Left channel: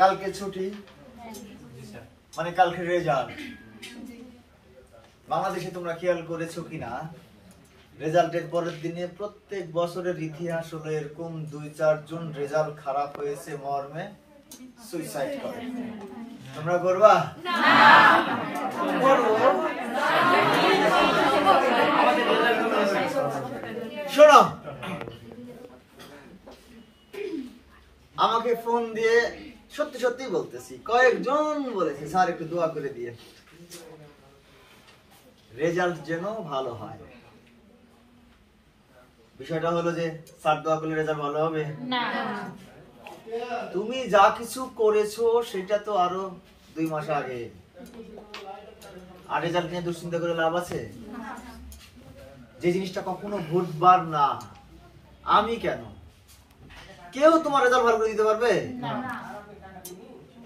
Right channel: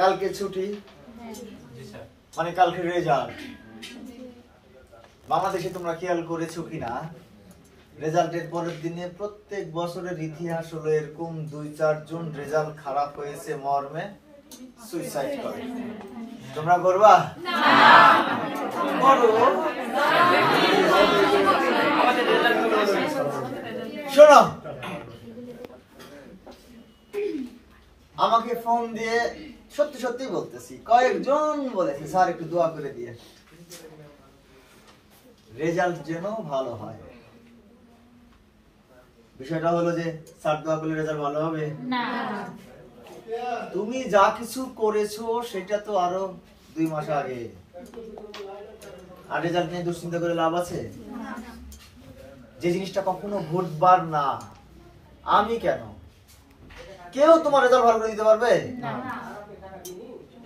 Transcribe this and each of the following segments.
কালকে ছুটি, মানে কালকে রেজাল্ট। বাংলাদেশে তোমরা খেয়াল করেছো কিনা, রেজাল্টের পরের দিনে প্রত্যেক বছরের ইতিহাস হলো এরকম 2-4 জন রেজাল্ট খারাপ হয়েছে মর্মে সুইসাইড করে। তোমরা করবা না? করো। শোনো, আমাকে ফোন দিয়ে সত্যি সত্যি বলতেছি, কয়েকজন বলেছে স্যার একটু দোয়া করে দিয়ে রেজাল্ট যেন ভালো হয়। বিষয়টা হলো যে স্যার দোয়া করলে রেজাল্ট ভালো হবে না। তুমি যা কিছু করেছো সেটা তো আরো 2 মাস আগে, আর রেজাল্ট নিয়ে দুশ্চিন্তা করে লাভ আছে? যে জিনিসটা কখনো ঘটবার না, আমি কেন, কেউ তোমার রেজাল্ট ভালো করে দিতে পারবে না।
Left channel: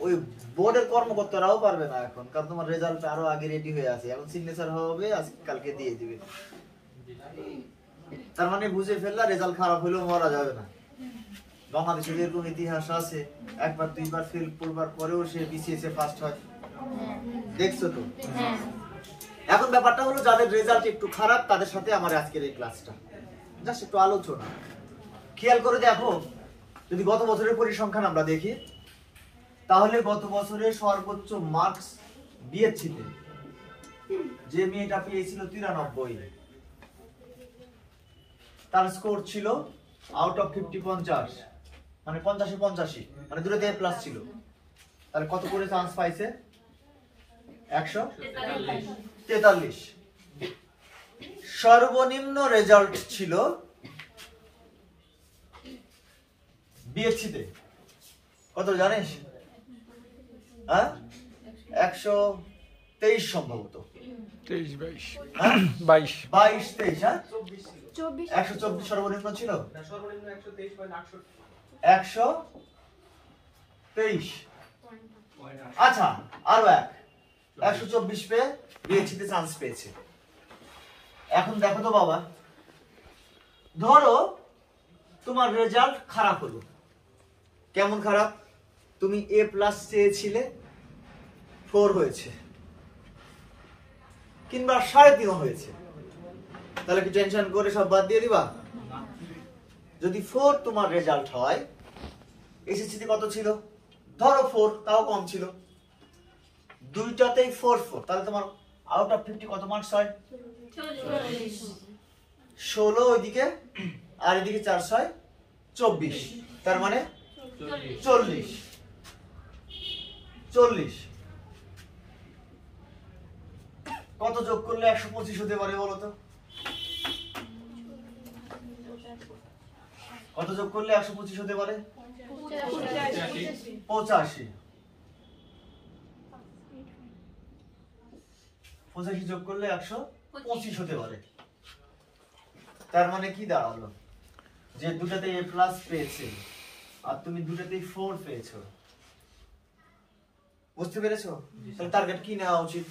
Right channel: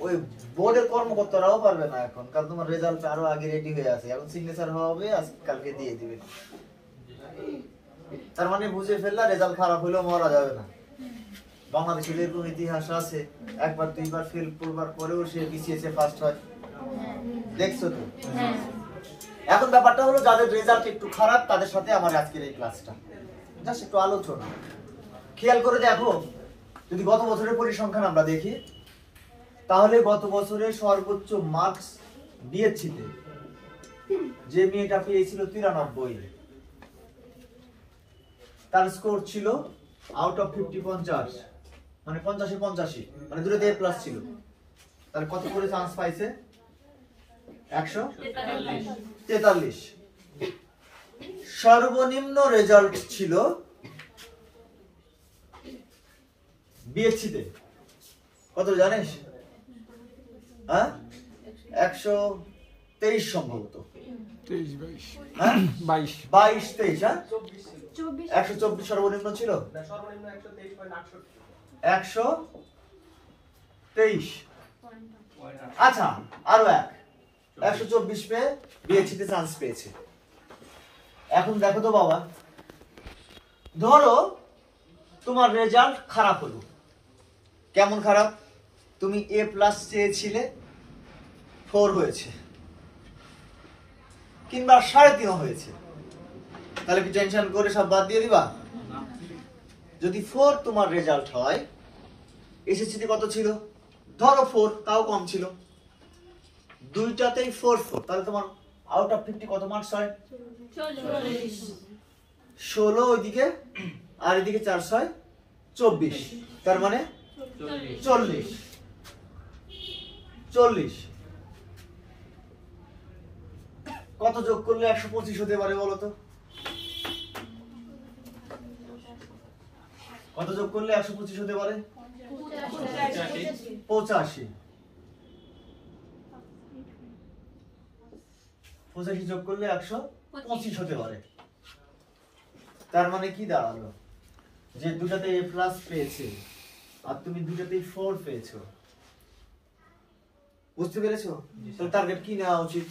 ওই বোর্ডের কর্মকর্তারাও পারবে না এখন, কারণ তোমার রেজাল্ট আরো আগে রেডি হয়ে আছে, এখন সিগনেচার হবে, আজ কালকে দিয়ে দিবে। তার মানে বুঝে ফেললা রেজাল্ট খারাপ হলেও মরা যাবে না। বাংলাদেশের এরকম ইতিহাস আছে, একবার 2বার ফেল করবার পরেও সে বিসিএস এ ফার্স্ট হয়, দেখছো তো। এখন ব্যাপারটা হলো যাদের রেজাল্ট একটু খারাপ তাদের সাথে আমার আজকের এই ক্লাসটা জাস্ট একটু আলোচনা। খেয়াল করে দেখো, যদি গত বছরের পরিসংখ্যান আমরা দেখি, তাহলে গত বছরে সর্বোচ্চ মার্কস বিএসসিতে যে মেয়েটা পেয়েছিল 93, তার স্কোর ছিল আউট অফ 50 50, মানে 50-এ 85, মানে দুটোতে এ প্লাস ছিল। তাহলে কত করে চান্স পাইছে? 143। সর্বনিম্ন রেজাল্ট ছিল বিএসসিতে কত জানিস? 123 সম্ভবত, 23-22, হ্যাঁ 22-23, হ্যাঁ 124 সর্বনিম্ন ছিল, 123। আচ্ছা, আরো 124 পেয়ে বিএসসিতে চান্স পেয়েছে। এখন দেখো তো বাবা, ধরো তোমার রেজাল্ট খারাপ হলো। কেমন খারাপ? তুমি এ প্লাস চেয়েছিলে, 4 হয়েছে, কিংবা 3.5 হয়েছে, তাহলে কি টেনশন করে সব বাদ দিয়ে দিবা? যদি 4 তোমার রেজাল্ট হয়, এসএসসিতে কত ছিল? ধরো 4, তাও কম ছিল, দুইটাতেই 4, তাহলে তোমার আউট অফ 50 কত মার্কস হয়? 16 ওইদিকে, আর এদিকে 4 × 6 = 24, তার মানে 40। কত যোগ করলে 125 হতে পারে বলো তো? কত যোগ করলে 125 হতে পারে? 85। 85 যোগ করলে 125 হতে পারে। তার মানে কি দাঁড়ালো? যে দুটাতে এ প্লাস পেয়েছে আর তুমি দুটাতেই 4 পেয়েছো, বুঝতে পেরেছো? তাহলে টার্গেট কি নেওয়া উচিত?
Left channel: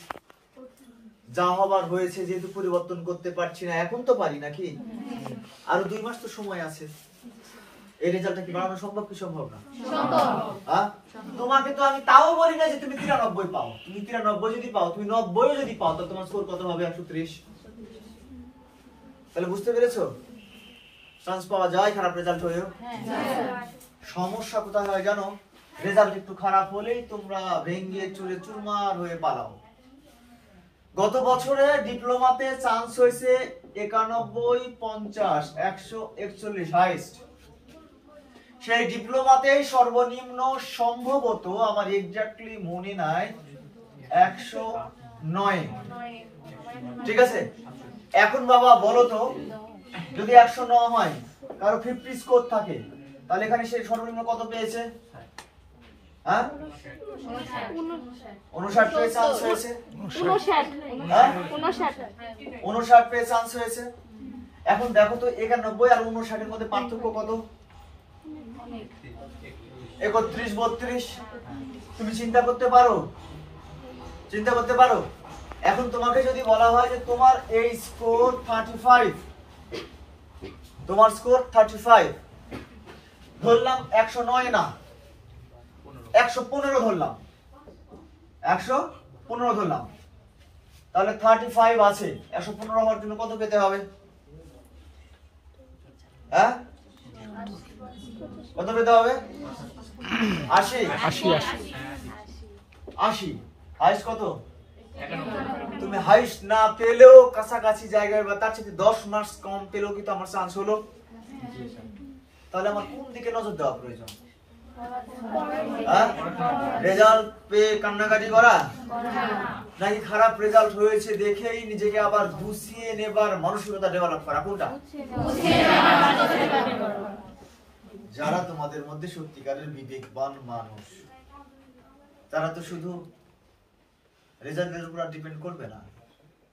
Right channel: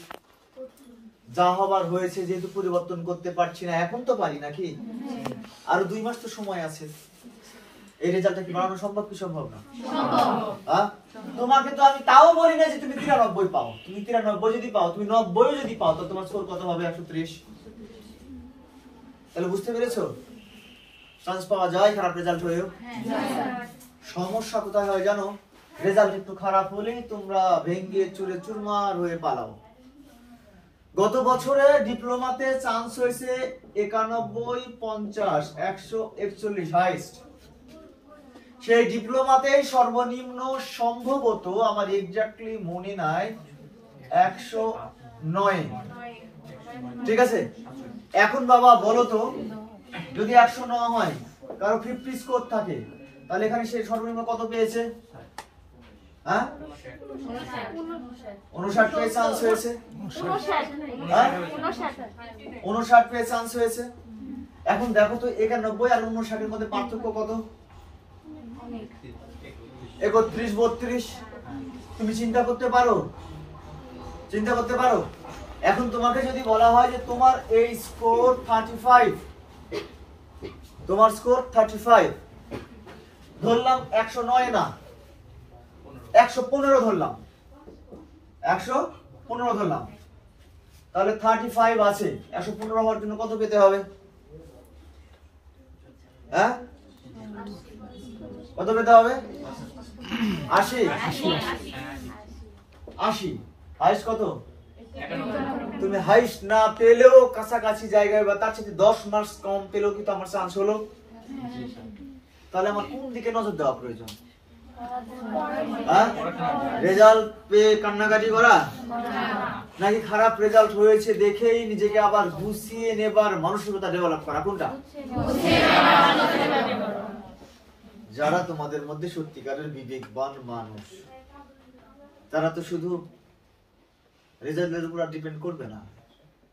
যা হবার হয়েছে, যেহেতু পরিবর্তন করতে পারছি না, এখন তো পারি নাকি, আরো 2 মাস তো সময় আছে। এই রেজাল্টটা কি বাড়ানো সম্ভব কি সম্ভব না? হ্যাঁ, তোমাকে তো আমি তাও বলি না যে তুমি 93 পাও। তুমি 93 যদি পাও, তুমি 90 যদি পাও, তাহলে তোমার স্কোর কত হবে? 130। তাহলে বুঝতে পেরেছো, চান্স পাওয়া যায় খারাপ রেজাল্ট হলেও। সমস্যা কোথায় হয় জানো? রেজাল্ট একটু খারাপ হলেই তোমরা ভেঙ্গে চুরে চুরমার হয়ে পালাও। গত বছরে ডিপ্লোমাতে চান্স হয়েছে 91, 50, 141 হাইস্ট। সেই ডিপ্লোমাতেই সর্বনিম্ন সম্ভবত, আমার এক্স্যাক্টলি মনে নাই, 109। ঠিক আছে, এখন বাবা বলো তো, যদি 109 হয়, কারো 50 স্কোর থাকে, তাহলে এখানে সে সর্বনিম্ন কত পেয়েছে? হ্যাঁ 59 পেয়ে চান্স হয়েছে। 59 পেয়ে চান্স হয়েছে। এখন দেখো তো 91 আর 59 এর মধ্যে পার্থক্য কত? 31, 32। তুমি চিন্তা করতে পারো? চিন্তা করতে পারো? এখন তোমাকে যদি বলা হয় যে তোমার এই স্কোর 35, তোমার স্কোর 35, ধরলাম 109 না, 115 ধরলাম, 115 ধরলাম, তাহলে 35 আছে। 115 হওয়ার জন্য কত পেতে হবে? হ্যাঁ, কত পেতে হবে? 80। 80 হাইস্ট কত? তুমি হাইস্ট না পেলেও কাছাকাছি জায়গায় বা তার সাথে 10 মার্কস কম পেলেও কি তো আমার চান্স হলো? তাহলে আমার কোন দিকে নজর দেওয়া প্রয়োজন? রেজাল্ট পেয়ে কান্নাকাটি করা, নাকি খারাপ রেজাল্ট হয়েছে দেখেই নিজেকে আবার গুছিয়ে নেবার মানসিকতা ডেভেলপ করা? কোনটা? যারা তোমাদের মধ্যে সত্যিকারের বিবেকবান মানুষ, তারা তো শুধু রেজাল্টের উপর ডিপেন্ড করবে না,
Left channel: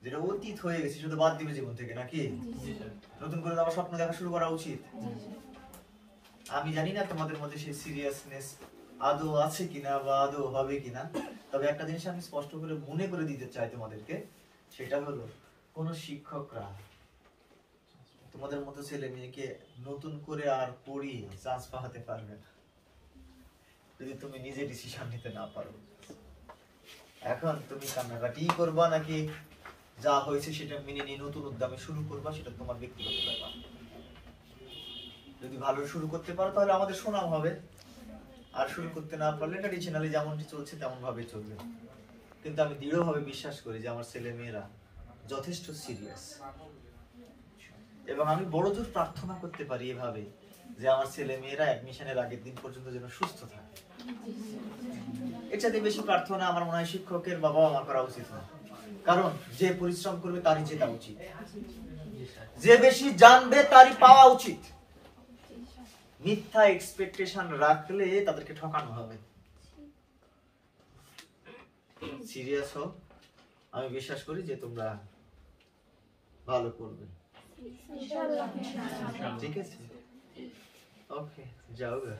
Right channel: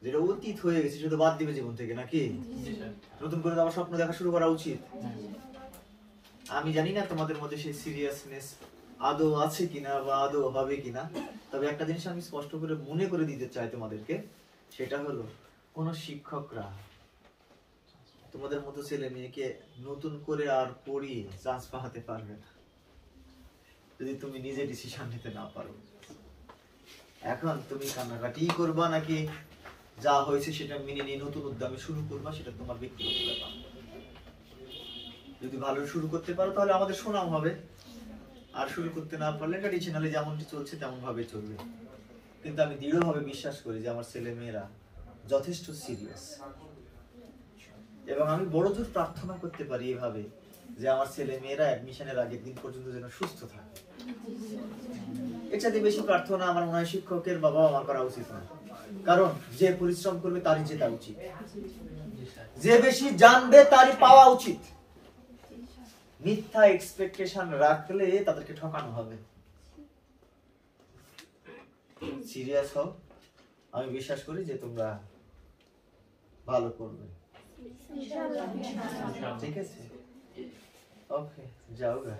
যেটা অতীত হয়ে গেছে শুধু বাদ দিবে জীবন থেকে, নাকি নতুন করে আবার স্বপ্ন দেখা শুরু করা উচিত। আমি জানি না তোমাদের মধ্যে সেই সিরিয়াসনেস আদৌ আছে কিনা বা আদৌ হবে কিনা, তবে একটা জিনিস আমি স্পষ্ট করে মনে করে দিতে চাই তোমাদেরকে, সেটা হলো কোন শিক্ষকরা তোমাদের মতো ছেলে মেয়েকে নতুন করে আর পড়িয়ে চান্স পাওয়াতে পারবে না যদি তুমি নিজে ডিসিশন নিতে না পারো। এখন তুমি কান্নাকাটি করবা নাকি যা হয়েছে সেটা মেনে নিয়ে নতুন উদ্যমে শুরু করবা, সেটা তোমার ব্যক্তিগত ব্যাপার। যদি ভালো শুরু করতে পারো তাহলে আমাদের সুনাম হবে, আর শুরু করতে না পারলে ট্র্যাডিশনালি যেমনটি চলছে তেমন ভাবে চলবে। কিন্তু আমি দৃঢ়ভাবে বিশ্বাস করি যে আমার ছেলে মেয়েরা যথেষ্ট সিরিয়াস, এবং আমি বড়জোর প্রার্থনা করতে পারি এভাবে যে আমার ছেলে মেয়েরা অ্যাডমিশনের আগের দিন পর্যন্ত যেন সুস্থ থাকে। এর চাইতে বেশি প্রার্থনা আমার মনে হয় শিক্ষকের বা বাবা মার করা উচিত না, কারণ যে পরিশ্রম করবে তারই জেতা উচিত, যে বেশি জানবে তারই পাওয়া উচিত। মিথ্যা এক্সপেকটেশন রাখলে তাদেরকে ঠকানো হবে। সিরিয়াস হও, আমি বিশ্বাস করি যে তোমরা ভালো করবে। ঠিক আছে, ওকে, যাও গা।